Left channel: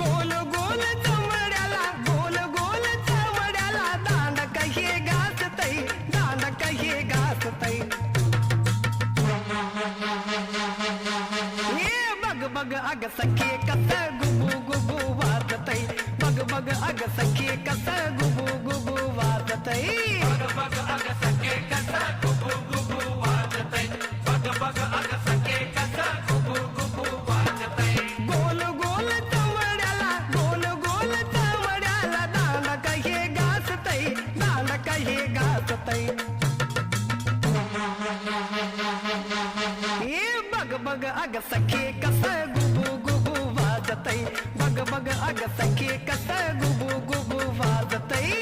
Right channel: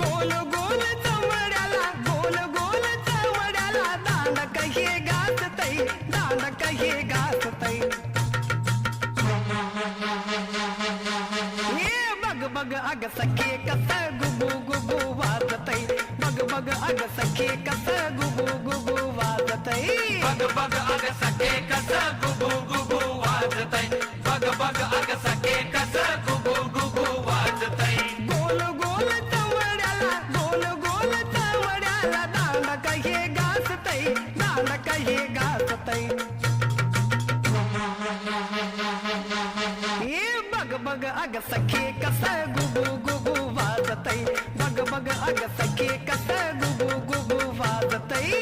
गोल गोल चमड्याला गोल गोल चमड्याला दांड कहे घासतई दांड कहे घासतई हे बग बग अग सखे कस गुबू गुबू वाजतई बग बग अग सखे कस गुबू गुबू वाजतई बग बग अग सखे कस गुबू गुबू वाजतई बग बग अग सखे कस गुबू गुबू वाजतई गोल गोल चमड्याला गोल गोल चमड्याला दांड कहे घासतई दांड कहे घासतई हे बग बग अग सखे कस गुबू गुबू वाजतई बग बग अग सखे कस गुबू गुबू वाजतई